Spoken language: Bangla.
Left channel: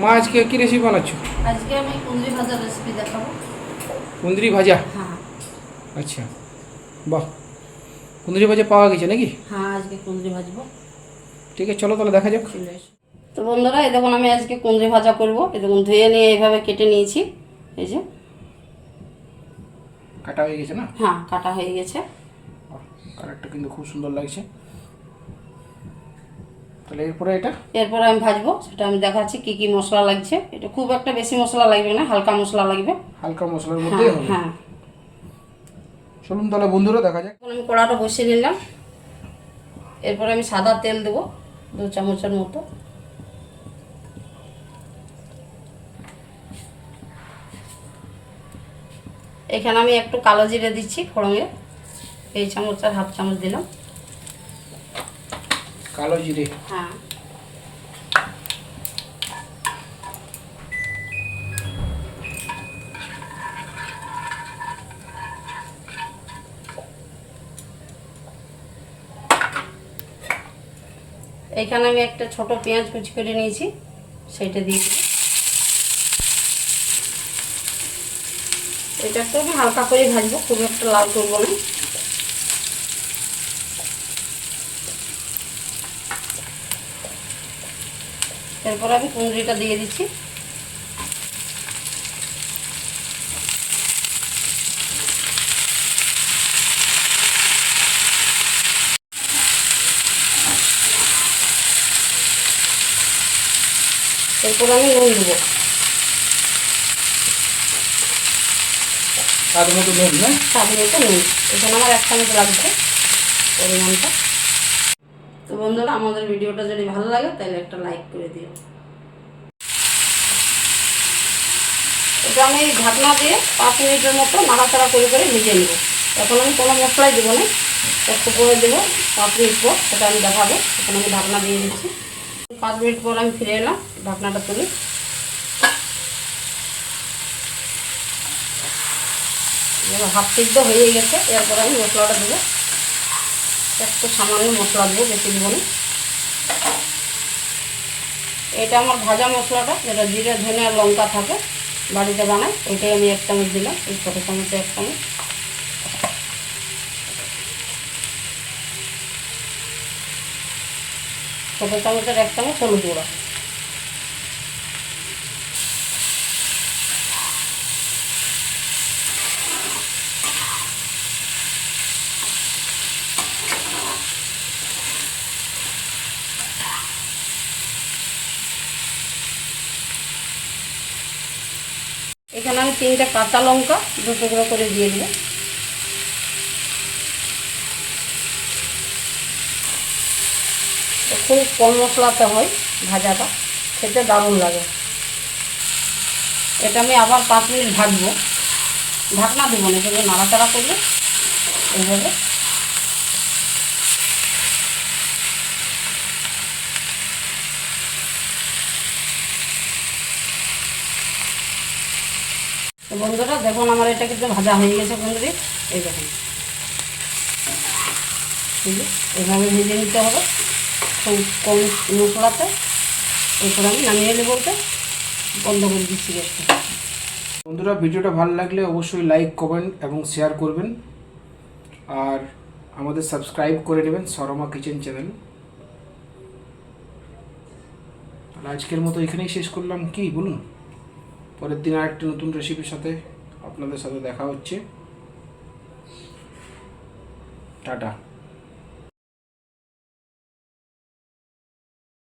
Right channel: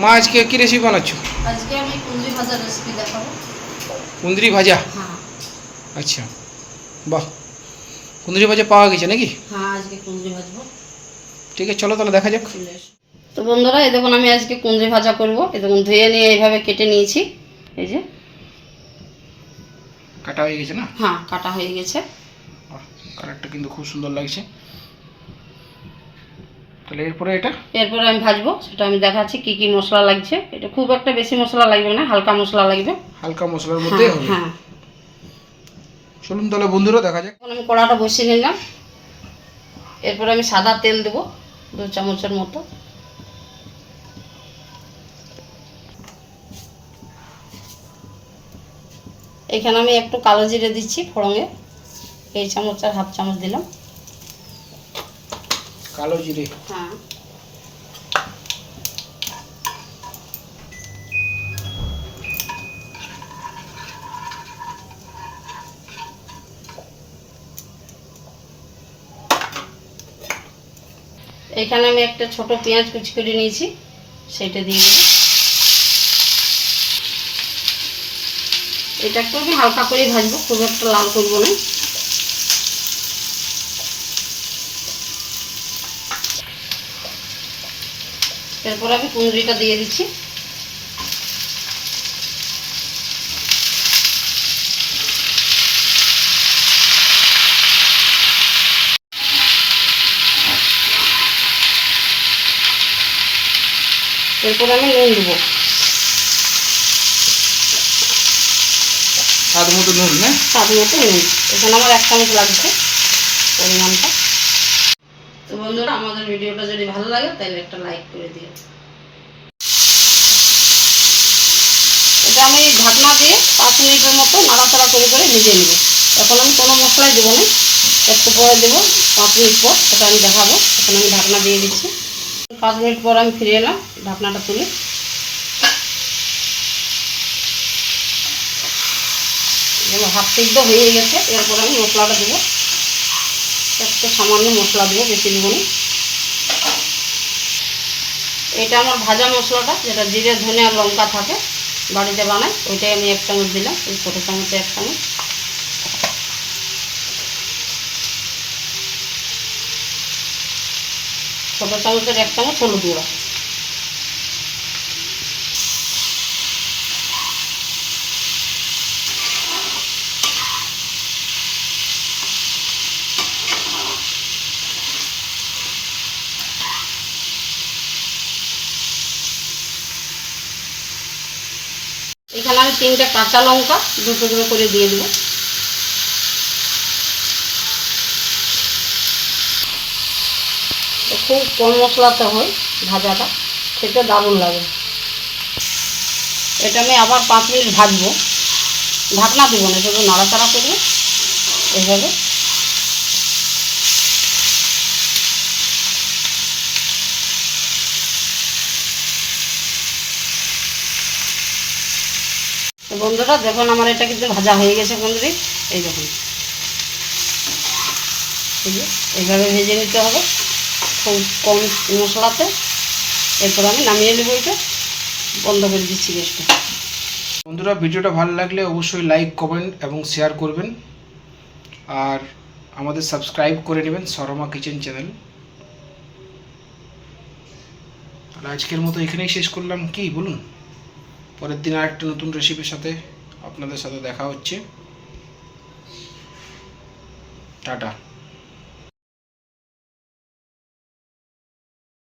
মা আজকে কী রেসিপি বানাচ্ছ? আজকে আমি কুন্দ্রি ভাজার রেসিপি দেখাবো। কুন্দ্রি ভাজা? হ্যাঁ আচ্ছা। বাহ। কুন্দ্রি ভাজা পাওয়া গেছে নাকি? হ্যাঁ আজকে কুন্দ্রি ভাজবো। ঠিক আছে চলো তাহলে দেখা যাক। তো বন্ধুরা এই দেখুন আমি আজকে কুন্দ্রি ভাজা করব। এই দেখুন ধুয়ে নিয়ে এইভাবে কেটে নিয়েছি। এই যে। কাটা হয়ে গেছে না? হ্যাঁ কাটা হয়ে গেছে। কালারটা কিন্তু খুব সুন্দর লাগছে। তাহলে এরপরে এটা? এরপরে আমি ভাজবো সেটা আমি দেখাচ্ছি কি কি মশলা লাগছে। এটা খুব একটা বেশি মশলা লাগবে না হালকা মশলা লাগবে। হালকা মশলার মধ্যেই হবে। হ্যাঁ। চলুন তাহলে বন্ধুরা দেখা যাক। এখন আমি কড়াটা বসিয়ে নিলাম। এরপরে আমি সাদা তেল দেবো দু চামচের মতো। এখানে আমি একটু কালো জিরে দিচ্ছি ফোড়ঙে এই চামচ আর হাফ চামচ দিলাম। কালো জিরে। হ্যাঁ। এখানে আমি একটা ছোট পেঁয়াজ কুচি করে নিয়েছি, সেটা দিয়ে দেবো। এটা একটু আমি হালকা করে ভাজবো, খুব একটা লাল করব না। এরপর আমি কুঁদরিটা দিয়ে দিচ্ছি। এরপর আমি নুন দেবো। স্বাদ মতো নুন না? স্বাদ মতো নুন। এখানে আমার এক চামচ লাগছে পরিমাণটা। তো বন্ধুরা, আমাদের ভিডিওটা যদি ভালো লাগে, তাহলে একটা লাইক করে দিও। এটা আমি ঢাকনা দিয়ে পাঁচ মিনিটের মতো নাড়াচাড়া করে করে ভেজে নেব। এখন আমি কোনো মশলাই দেবো না। একটু পরে দেবো পাঁচ মিনিট পর, সেটা আমি দেখাবো। এখন আমি ঢাকনা দিয়ে দিচ্ছি। পাঁচ মিনিট পর আমি ফিরে এলাম, ঢাকনাটা তুলে। হাফ সিদ্ধ হয়ে গেছে, এরপর আমি মশলাটা দেবো। একটু সামান্য মশলা দেবো বেশি দেবো না। এটা আমার ভাজা মশলাটা, যেটা জিরে, ধনে আর লঙ্কা থাকে, বাড়িতে বানাই ওইটাই আমি এক চামচ দিলাম, ওই ছোটো চামচে এক চামচ। ছোটো চামচের এক চামচ হলুদ গুঁড়া। এখানে আমি তিনটে কাঁচা লঙ্কা দু টুকরো করে দিয়ে দেবো। খুব কম মশলাতে হয় ভাজাটা, খেতে দারুণ লাগে। এটা আমি আবার পাঁচ মিনিট ভাজবো। ঢাকনা দেবো না শুধু নাড়াচাড়া করব। এইভাবে। বন্ধুরা, দেখুন আমার এটা কিন্তু ভাজা হয়ে গেছে বন্ধুরি। এই দেখুন। এই এইভাবে ভেজে নিতে হবে। কম মশলাতে। এরপর আমি নামিয়ে নেব এটা বন্ধ করে দিচ্ছি গ্যাসটা। বন্ধুরা, ভিডিওটা ভালো লাগলে অবশ্যই লাইক কমেন্ট এবং শেয়ার করবেন। আর আমাদের সাবস্ক্রাইব করে নেবেন সরমা কিচেন চ্যানেল তাহলে আজকের মতো এখানেই শেষ করলাম। কি বলুন? পরের দিন আরেকটা নতুন রেসিপির সাথে আপনাদের সাথে দেখা হচ্ছে। টাটা।